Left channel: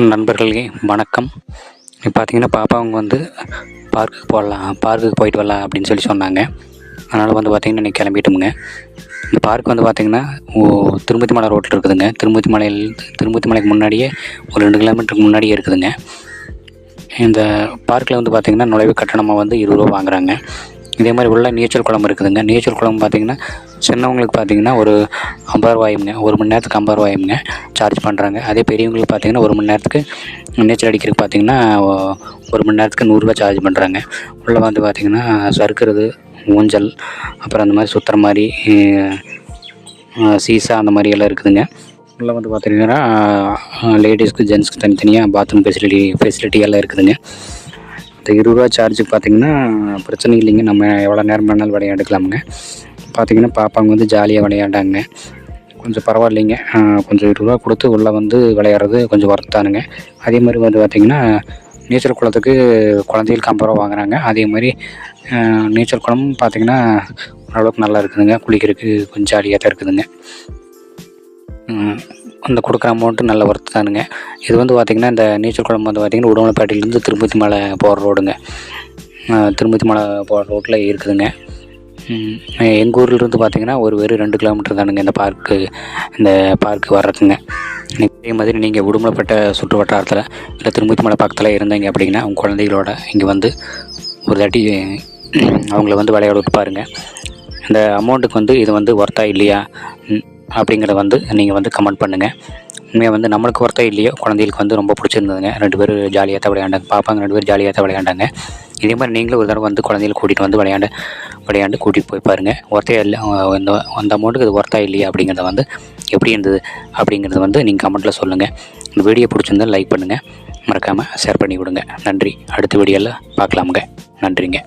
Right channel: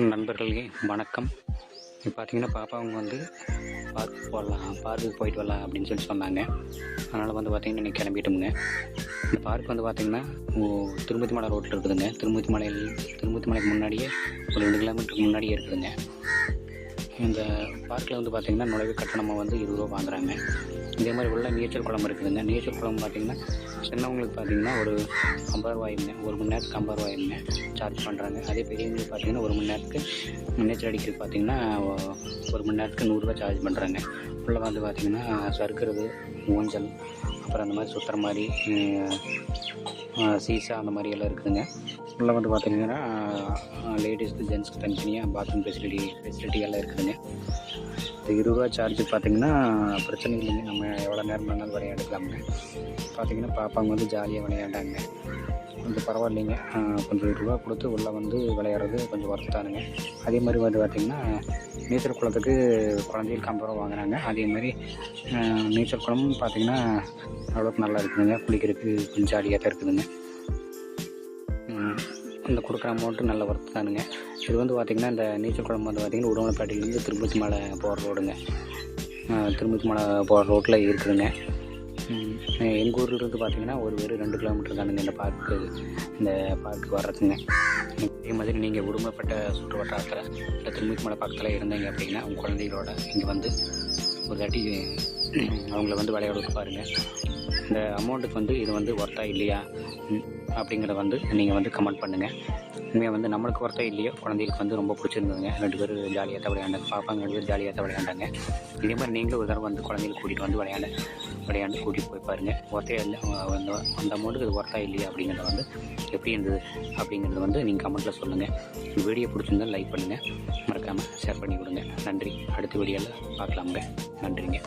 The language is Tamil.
நண்பர்களே வணக்கம். இப்போ பார்த்தீங்கன்னா பாப்பாவங்க வந்து பார்க்குக்கு போயிட்டு வரலாம் அப்படின்னு சொன்னாங்க. அதனால் வந்து பார்த்திங்கன்னா இன்றைக்கி கிளம்பிட்டோமுங்க. இந்த பார்க் வந்து பார்த்திங்கன்னா திருப்பதி மலை ரோட்டில் இருக்குதுங்க. திருப்பதி மலைக்கு முன்னாடியே ஒரு 2 கிலோமீட்டருக்கு முன்னாடியே இருக்குதுங்க. இந்த பார்க்கில் வந்து பார்த்திங்கன்னா நுழைவு கட்டணமாக வந்து 20 ரூபா வாங்குகிறாங்க. இதே மாதிரி உள்ள நீச்சல் குளம் இருக்குதுங்க. நீச்சல் குளம் பார்த்திங்கன்னா சின்னவங்களுக்கு பார்த்திங்கன்னா ஒரு 50 ரூபாயுங்க, 1 மணி நேரத்துக்கு 50 ரூபாயுங்க சார்ஜ் பண்ணுறாங்க. அதே பெரியவங்களுக்கு பார்த்திங்கன்னா 1 மணி நேரத்துக்கு நீச்சல் அடிக்கிறதுக்கு பார்த்திங்கன்னா 1 மணி நேரத்துக்கு 100 ரூபா சார்ஜ் பண்ணுறாங்க. உள்ளே வந்து பார்த்திங்கன்னா சறுக்கிறது, ஊஞ்சல், அப்புறம் அந்த மாதிரி சுற்றுற மாதிரி சீசா அந்த மாதிரி எல்லாம் இருக்குதுங்க. உள்ளே வந்து பார்த்திங்கன்னா லேடிஸ்க்கு ஜென்ட்ஸ்க்கு தனித்தனியாக பாத்ரூம் ஃபெசிலிட்டி எல்லாம் இருக்குதுங்க. இந்த 20 ரூபா சார்ஜ் பார்த்திங்கன்னா பிரச்சனை இல்லைங்க. நம்ம எவ்வளோ நேரம் வேணாலும் விளையாண்டுக்கலாமுங்க. பார்த்திங்கன்னா பாப்பாங்க வந்து ஜாலியாக விளையாண்டாங்க. கொஞ்சம் பரவாயில்லைங்க. கொஞ்சம் 20 ரூபா கொடுத்து உள்ளே வந்து விளையாடுறது கொஞ்சம் ஒர்த்தானுங்க. அதே மாதிரி வந்து பார்த்திங்கன்னா நீச்சல் குளத்துக்கு குழந்தைகளுக்கு 50 ரூபா வாங்குகிறாங்க. அதே மாதிரி நீச்சல் குளம் பார்த்திங்கன்னா ஓரளவுக்கு நல்லா இருக்குதுங்க. குளிக்கிறதுக்கு கொஞ்சம் ஜாலியாக தான் இருக்குதுங்க. அந்த கொடுக்குற அமௌண்ட்டு நல்ல ஒர்த்து தானுங்க. இது வந்து பார்த்திங்கன்னா இந்த நீச்சல் குளம் வந்து பார்த்திங்கன்னா உடுமலைப்பேட்டையிலேருந்து திருப்பதி மலை போகிற ரோடுங்க. திருப்பதி மலை போகிற ரோட்டில் இருக்குதுங்க. எங்கள் ஊர்லேருந்து பார்த்திங்கன்னா வெறும் 2 கிலோமீட்டர் தானுங்க இந்த பார்க்கு வர்றதுங்க. இதே மாதிரி நீங்கள் உடுமலைப்பேட்டை சுற்று வட்டாரத்தில் இல்லை திருப்பதி மலை பக்கத்தில் இருந்தீங்க அப்படின்னா உங்கள் குழந்தைகளோட இங்கே வந்து ஒரு தாட்டி அவங்கள வந்து விளையாட விட்டு பாருங்கள். இந்த அமௌண்ட்டுக்கு வந்து இது வந்து ஒர்த்தா இல்லையா அப்படிங்கிறத வந்து நீங்கள் வந்து கமெண்ட் பண்ணுங்கள். உண்மையாக வந்து நம்மளுக்கு ஒர்த்தா இல்லையோ குழந்தைகளுக்கு வந்து ரொம்ப பிடிச்சிருந்ததுங்க. 2 பேரும் ஜாலியாக தான் விளையாண்டாங்க. பாப்பாங்க 2 பேரும் ஜாலியாக தான் விளையாண்டாங்க. இதே மாதிரி நீங்களும் ஒரு தடவை வந்து குழந்தைகளை கூட்டிகிட்டு வந்து விளையாண்டு கூட்டிகிட்டு போய் பாருங்கள். ஒர்த்தா இல்லை அந்த அமௌண்ட்டுக்கு இது ஒர்த்தா இல்லையா அப்படிங்கிறத வந்து எப்படி இருந்தது அப்படிங்கிறத வந்து நீங்கள் கமெண்ட்டில் சொல்லுங்கள். இந்த வீடியோ பிடிச்சிருந்தால் லைக் பண்ணுங்கள், மறக்காமல் ஷேர் பண்ணி விடுங்க. நன்றி. அடுத்த வீடியோவில் பார்க்கலாமுங்க. நன்றிங்க.